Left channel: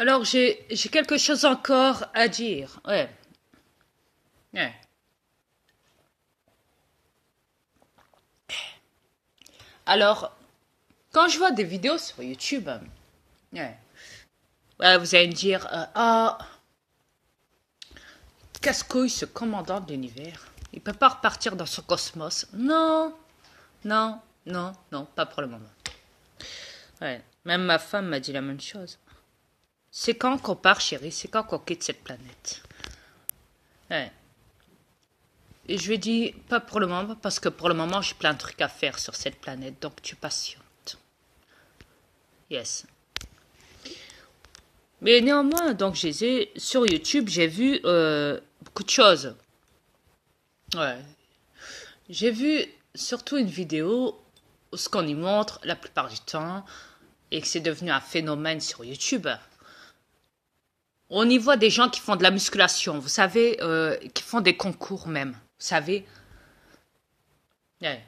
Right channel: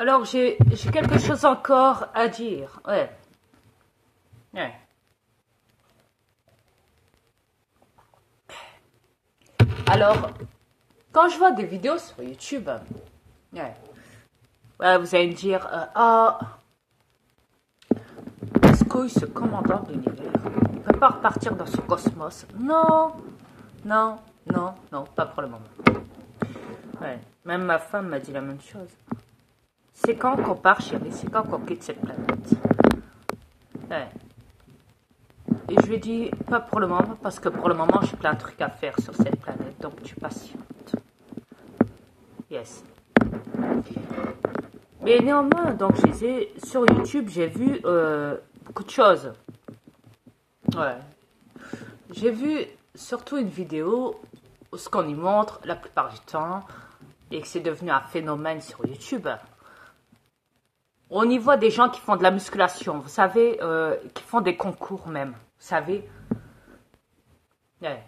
Alors, j'ai quelque chose encore à dire. Ouais. Ouais. Alors, quand je vois des vidéos sur YouTube, ouais, ouais, vous allez me dire, ah, casse-couille, ce commandant de l'univers, il peut pas repartir dans ce cosmos. Non, non, non, non, pas pour le moment. Ouais. Même ma femme m'a dit la même chose. C'est quand qu'on part, chérie, c'est quand qu'on quitte cette planète. Ouais. Et je lui ai dit, pas pour le moment, parce que pour le moment, j'ai plein de trucs à faire sur cette planète, donc tu patientes. Yes. Mais néanmoins, donc, sur YouTube, j'ai vu beaucoup de choses. Ouais. J'ai vu surtout une vidéo où ce qu'on y montre la plupart du temps, et que c'est devenu un phénomène sur YouTube. On y voit des gens qui font de la musculation, vous savez, qui font des concours même, vous savez. Ouais.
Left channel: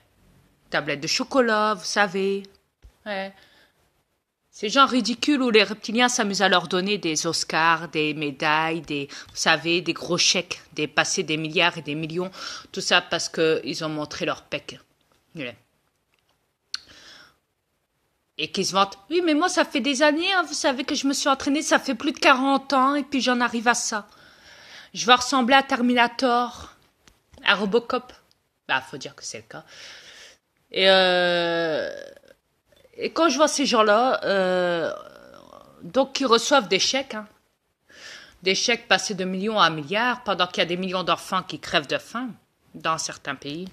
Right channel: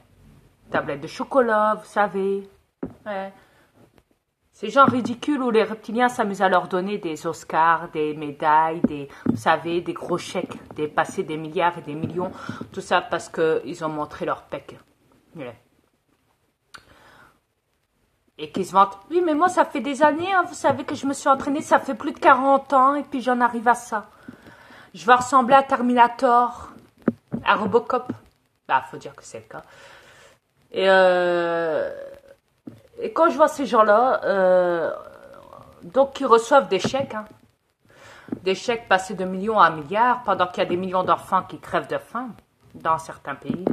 Tablette de chocolat, vous savez. Ouais. C'est genre ridicule où les reptiliens s'amusent à leur donner des Oscars, des médailles, vous savez, des gros chèques, des passés des milliards et des millions, tout ça parce qu'ils ont montré leur pec. Ouais. Et qu'ils se vantent, oui, mais moi ça fait des années, hein, vous savez que je me suis entraînée, ça fait plus de 40 ans, et puis j'en arrive à ça. Je vais ressembler à Terminator, à Robocop. Bah, faut dire que c'est le cas. Et, et quand je vois ces gens-là, donc qui reçoivent des chèques, hein, des chèques passés de millions à milliards, pendant qu'il y a des millions d'enfants qui crèvent de faim dans certains pays,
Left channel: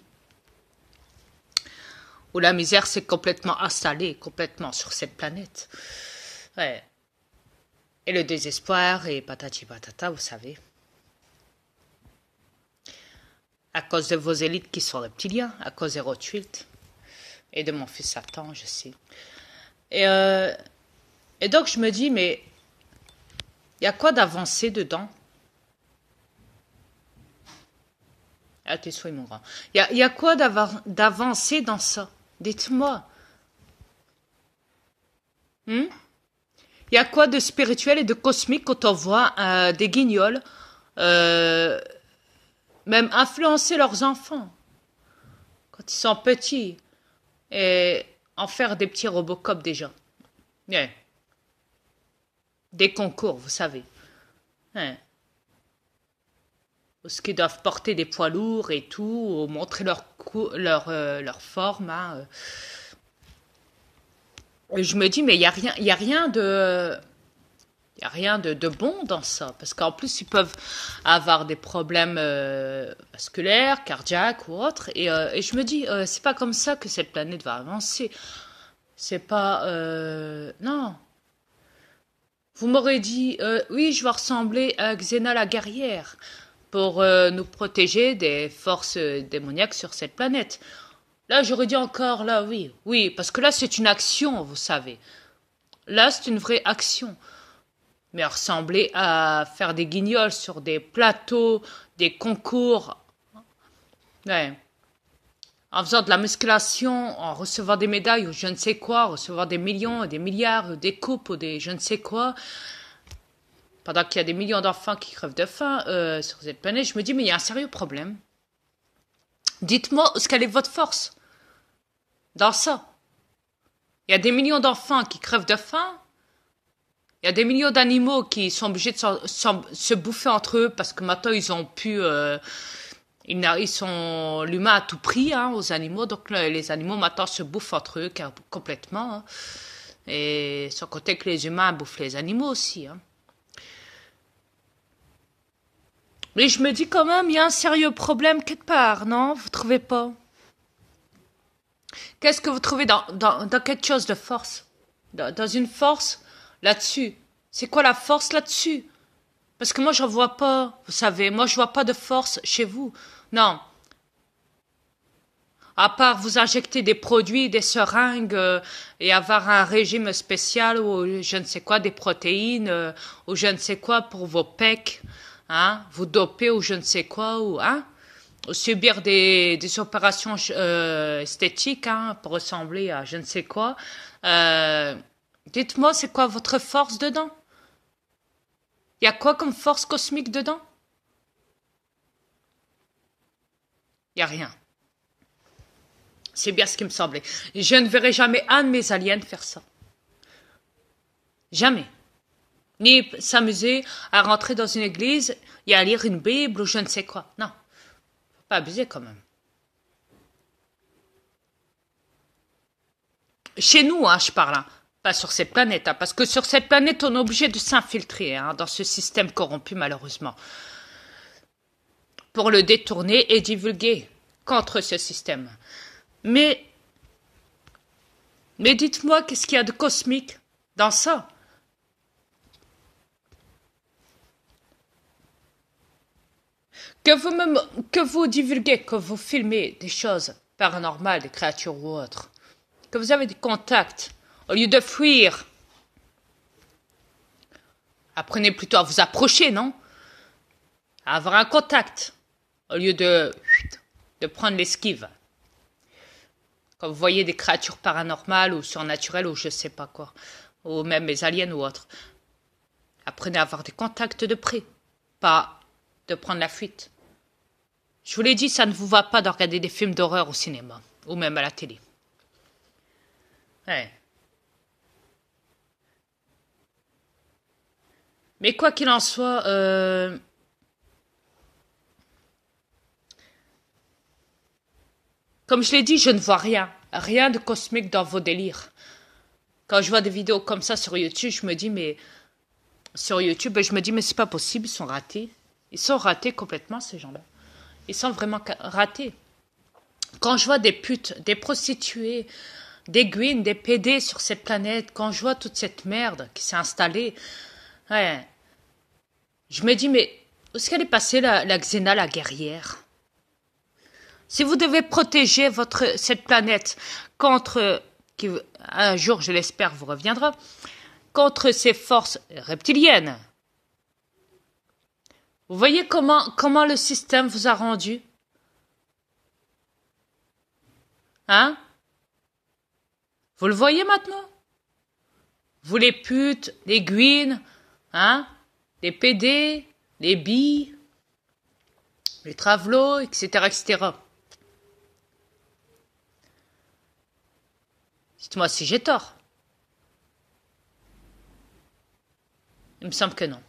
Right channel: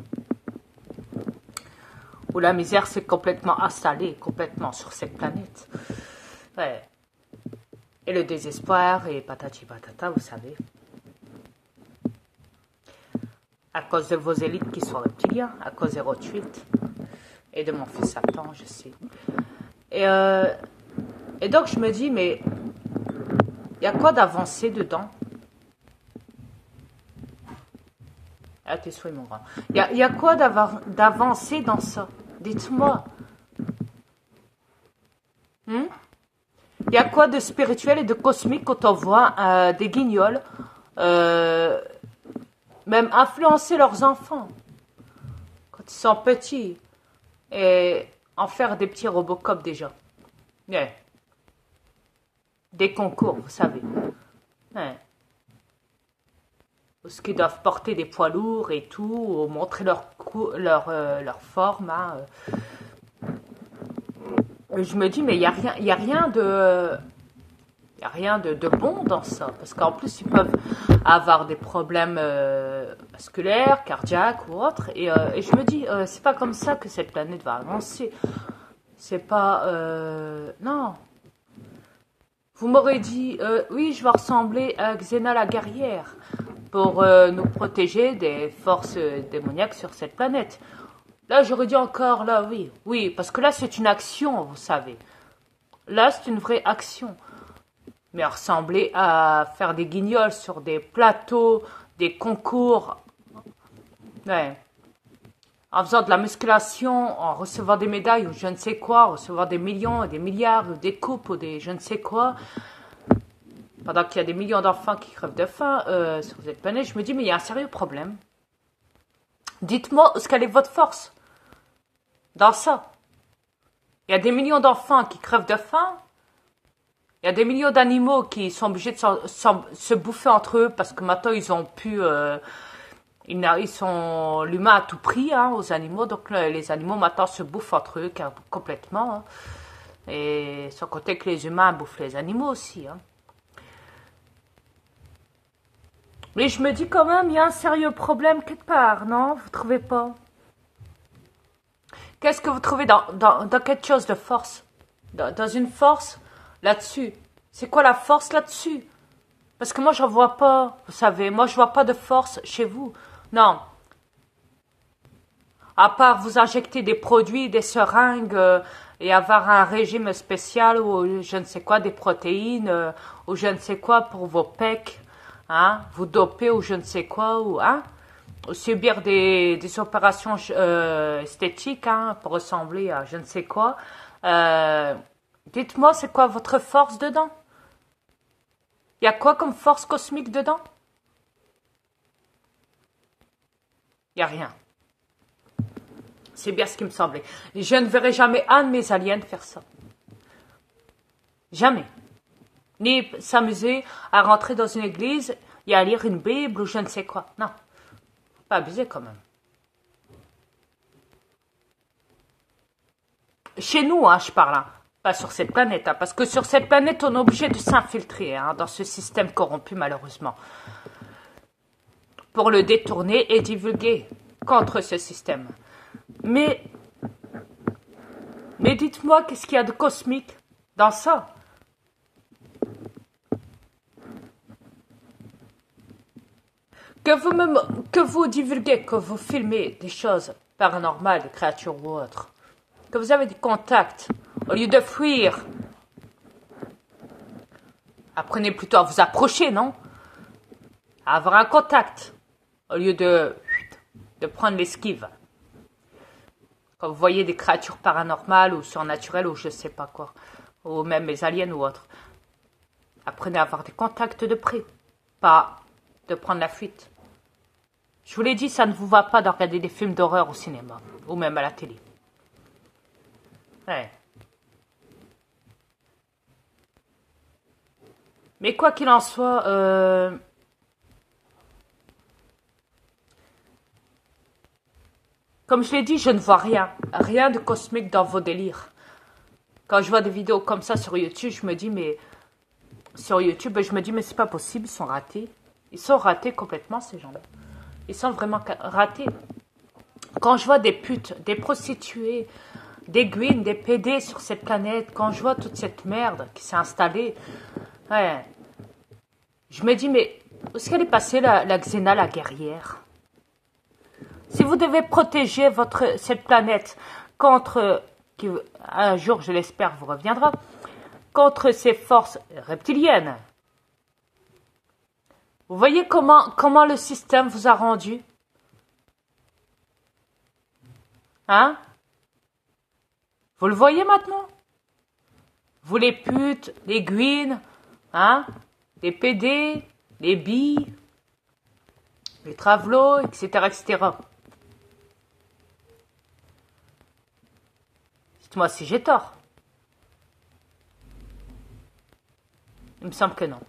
où la misère s'est complètement installée, complètement sur cette planète. Ouais. Et le désespoir et patati patata, vous savez. À cause de vos élites qui sont reptiliens, à cause des Rothschild et de mon fils Satan, je sais. Et donc je me dis, mais il y a quoi d'avancé dedans? Ah, tes souhaits, mon grand. Il y a quoi d'avancé dans ça? Dites-moi. Il y a quoi de spirituel et de cosmique quand on voit des guignols même influencer leurs enfants quand ils sont petits et en faire des petits Robocop déjà. Yeah. Des concours, vous savez. Yeah. Parce qu'ils doivent porter des poids lourds et tout, ou montrer leur forme. Hein. Et je me dis, mais il y a rien de... Il n'y a rien de bon dans ça, parce qu'en plus, ils peuvent avoir des problèmes vasculaires, cardiaques ou autres. Et je me dis, c'est pas comme ça que cette planète va avancer. C'est pas... non. Vous m'aurez dit, oui, je vais ressembler à Xena la guerrière pour nous protéger des forces démoniaques sur cette planète. Là, j'aurais dit encore, là, oui. Oui, parce que là, c'est une action, vous savez. Là, c'est une vraie action. Mais ressembler à faire des guignols sur des plateaux, des concours, ouais. En faisant de la musculation, en recevant des médailles ou je ne sais quoi, recevoir des millions, des milliards, ou des coupes ou des je ne sais quoi, pendant qu'il y a des millions d'enfants qui crèvent de faim sur cette planète, je me dis, mais il y a un sérieux problème. Dites-moi, quelle est votre force dans ça? Il y a des millions d'enfants qui crèvent de faim. Il y a des millions d'animaux qui sont obligés de se bouffer entre eux parce que maintenant ils ont pu... ils sont l'humain à tout prix hein, aux animaux. Donc les animaux maintenant se bouffent entre eux complètement. Hein. Et sans compter que les humains bouffent les animaux aussi. Hein. Mais je me dis quand même, il y a un sérieux problème quelque part, non? Vous trouvez pas? Qu'est-ce que vous trouvez dans quelque chose de force? Dans une force là-dessus. C'est quoi la force là-dessus? Parce que moi, je ne vois pas, vous savez, moi, je vois pas de force chez vous. Non. À part vous injecter des produits, des seringues et avoir un régime spécial ou je ne sais quoi, des protéines ou je ne sais quoi pour vos pecs, hein, vous doper ou je ne sais quoi, ou hein, subir des opérations esthétiques hein, pour ressembler à je ne sais quoi. Dites-moi, c'est quoi votre force dedans? Il y a quoi comme force cosmique dedans? Il n'y a rien. C'est bien ce qui me semblait. Je ne verrai jamais un de mes aliens faire ça. Jamais. Ni s'amuser à rentrer dans une église et à lire une Bible ou je ne sais quoi. Non. Faut pas abuser quand même. Chez nous, hein, je parle. Hein. Pas sur cette planète. Hein, parce que sur cette planète, on est obligé de s'infiltrer hein, dans ce système corrompu, malheureusement. Pour le détourner et divulguer contre ce système. Mais dites-moi, qu'est-ce qu'il y a de cosmique dans ça? Que vous divulguez, que vous filmez des choses paranormales, des créatures ou autres, que vous avez des contacts, au lieu de fuir, apprenez plutôt à vous approcher, non? À avoir un contact, au lieu de prendre l'esquive. Quand vous voyez des créatures paranormales ou surnaturelles ou je sais pas quoi, ou même les aliens ou autres, apprenez à avoir des contacts de près, pas de prendre la fuite. Je vous l'ai dit, ça ne vous va pas de regarder des films d'horreur au cinéma, ou même à la télé. Ouais. Mais quoi qu'il en soit, comme je l'ai dit, je ne vois rien. Rien de cosmique dans vos délires. Quand je vois des vidéos comme ça sur YouTube, je me dis, mais c'est pas possible, ils sont ratés. Ils sont ratés complètement, ces gens-là. Ils sont vraiment ratés. Quand je vois des putes, des prostituées, des guines, des PD sur cette planète, quand je vois toute cette merde qui s'est installée, ouais, je me dis, mais où est-ce qu'elle est passée, la Xena, la guerrière? Si vous devez protéger cette planète contre, qui un jour, je l'espère, vous reviendra, contre ces forces reptiliennes, vous voyez comment le système vous a rendu? Hein? Vous le voyez maintenant? Vous les putes, les guines, hein? Les PD, les billes, les travelots, etc., etc. Dites-moi si j'ai tort. Il me semble que non.